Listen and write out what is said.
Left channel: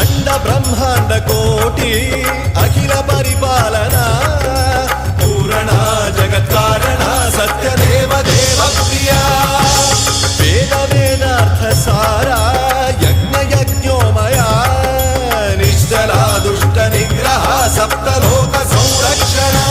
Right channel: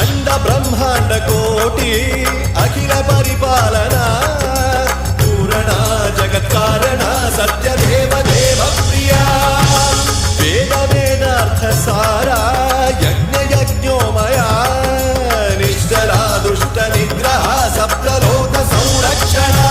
अंड ब्रह्मांड कोटि अखिल परिपालना पूरणा जगत्कारणा सत्यदेव देव प्रिया वेद वेदार्थ सारा यज्ञ यज्ञोमया निश्चला दुष्ट निग्रह सप्तलोक संरक्षणा